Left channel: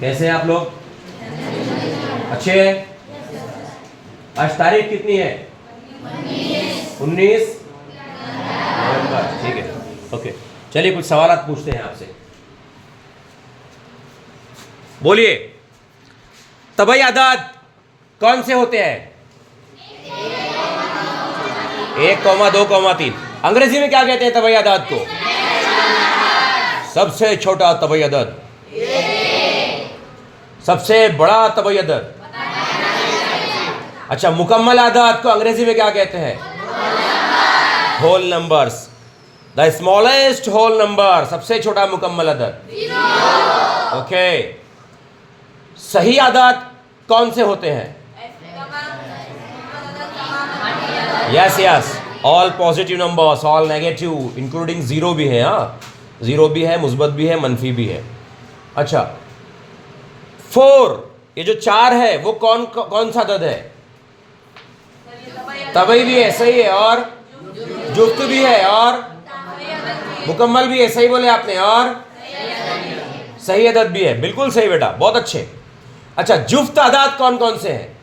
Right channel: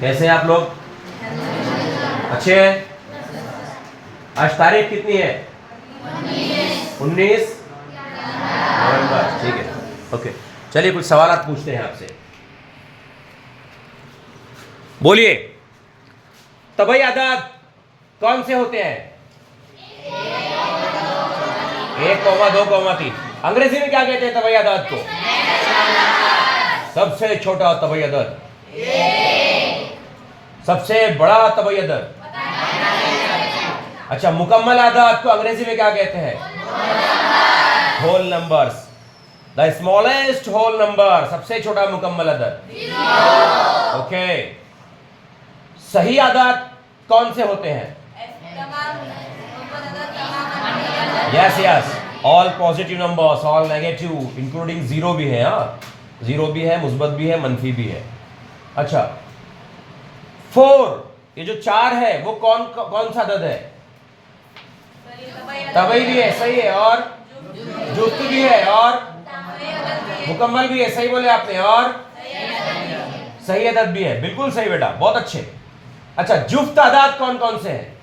कैसे हैं आप लोग? अच्छे हैं? आज तारीख कितनी है? 19 नवंबर। ठीक है, ओके। चलिए कुछ सवाल पूछते हैं आपसे। बोलिए, तबई आदाद कौन से होते हैं? 1, 2, 3। अंग्रेजी में क्या कहते हैं तबई आदाद को? सबसे छोटा तबई अदद, सबसे बड़ा तबई अदद। अच्छा, मुकम्मल आदाद को अंग्रेजी में क्या कहते हैं? Whole numbers. The smallest whole number, सबसे छोटा मुकम्मल अदद। ओके। सही आदाद कौन से होते हैं? Yes yes, all positive numbers, all negative, including zero भी है। हाँ, जीरो भी है, मुस्बत भी है, मनफी भी है। अच्छा, 4, ये जो 4 है वो कौन कौन सा अदद है? तबई भी है, सही है, और जुफ्त भी है, और मुकम्मल भी है, सही बोले आपने, और सही अदद भी है। बिल्कुल सही बेटा, बहुत अच्छे। अच्छा, जुफ्त आदाद कौन कौन से हैं?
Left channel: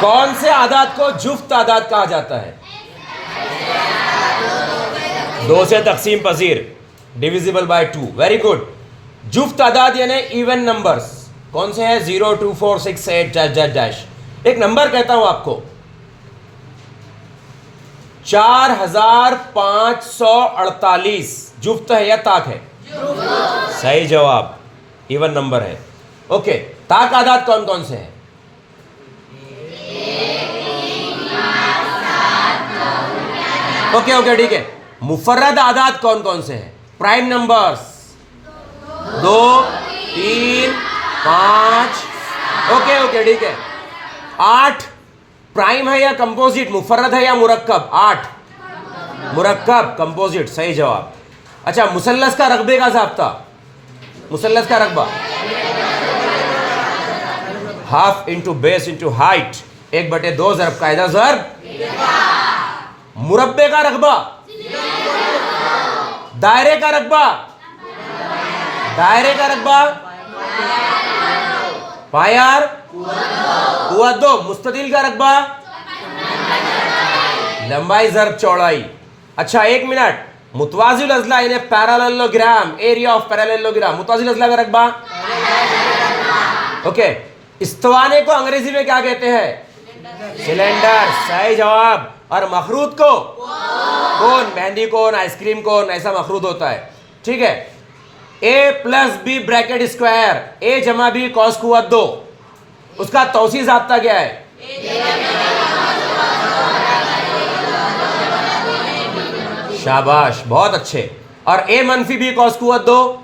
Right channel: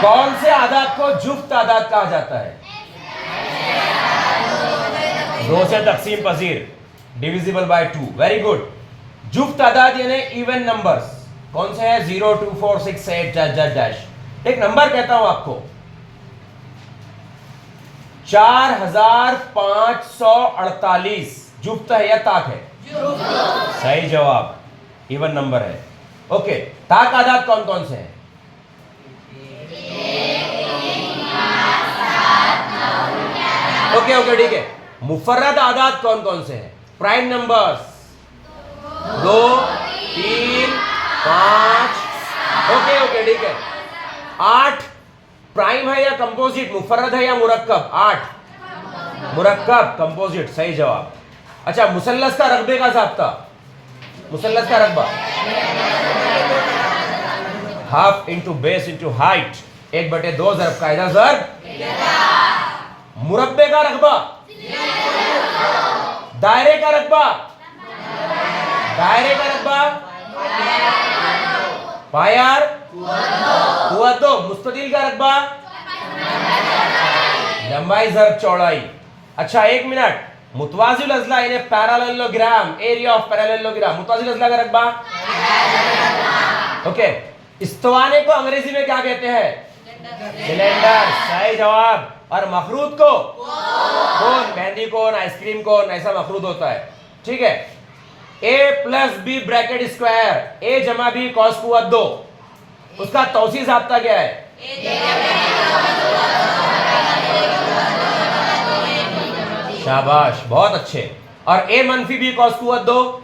कौन से आदाद को जुफ्त आदाद कहा जाता है? 2 से तकसीम पजीर, डिविजिबल बाय 2। Very good. जुफ्त आदाद यानी इवन नंबर्स कौन से हैं? 0, 2, 4, 6, 8 डैश। एक नंबर कहता हूं आपको, 4548 जुफ्त है या ताक है? सही जवाब, इवन नंबर है। ओके, ताक आदाद कौन कौन से हैं? ओके, ठीक है। मुफर्रद आदाद कौन कौन से हैं? Prime numbers 2, 3, 5। ओके, ठीक है। 8 प्राइम है या कंपोजिट? मुफर्रद है या मुरक्कब? 8 मुरक्कब, कंपोजिट, सही जवाब। अच्छा, मुसल्लस का रकबे का ज़ाब्ता, मुसल्लस का रकबा, half into base into height, 1/2 ज़रब कायदा ज़रब। मुरब्बे का रकबा, दायरे का रकबा, दायरे का रकबा, पायार कुव्वत 2, मुस्ततिल का रकबा, लंबाई ज़रब चौड़ाई। अच्छा, 1 मिनट। मुतवाजिल अज़ला यानी पैरेललोग्राम, एरिया ऑफ पैरेललोग्राम, मुतवाजिल अज़ला का रकबा। ओके, इस्तवाने को अंग्रेजी में क्या कहते हैं? सिलेंडर, सही जवाब। और मखरूद को कोन, मेहंदी कोन, आइसक्रीम कोन, ऐसा मखरूद होता है। ठीक है। a + b bracket square, a + b cos कुव्वत 2, उसका तौसीह ज़ाब्ता क्या है? शाबाश, बहुत अच्छे। और a - b cos कुव्वत 2,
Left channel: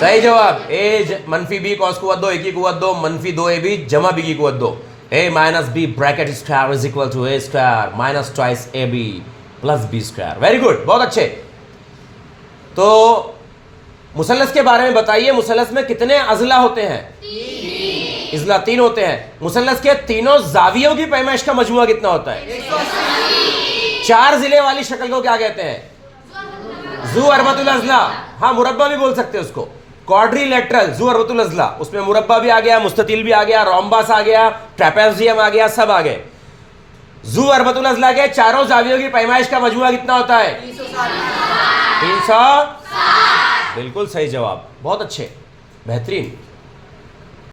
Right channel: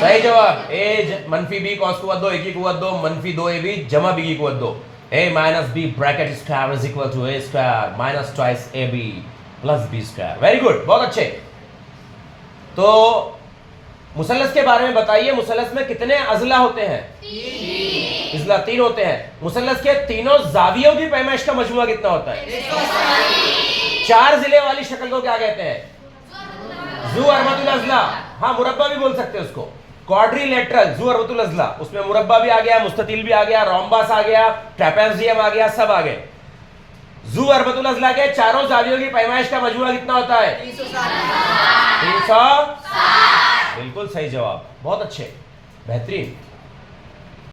सही जवाब, a - b cos कुव्वत 2, a की कुव्वत 2, -2ab जमा b की कुव्वत 2। a - b bracket square is equal to a square minus twice ab plus b square. Very good, बहुत अच्छे। तो मुसल्लस के बारे में बताइए, मुसल्लस में कितने अज़ला होते हैं? 3 इज़ला, 3 होते हैं। मुसल्लस के तीनों जावियों की पैमाइश का मजमुआ कितना होता है? 4 जिले वाली शक्ल को क्या कहते हैं? ज़ू अरबतुल अज़ला। हाँ, मुरब्बा भी बोल सकते हैं उसको, क्वाड्रिलेटरल ज़ू अरबतुल अज़ला। उसमें मुरब्बा भी आ गया, मुस्ततिल भी आ गया, रोम्बस आ गया, ट्रेपेज़ियम आ गया, सब आ गए। ज़ू अरबतुल अज़ला के चारों जावियों की पैमाइश का मजमुआ कितना होता है? 360। बिल्कुल सही जवाब, बहुत अच्छे, बेहतरीन।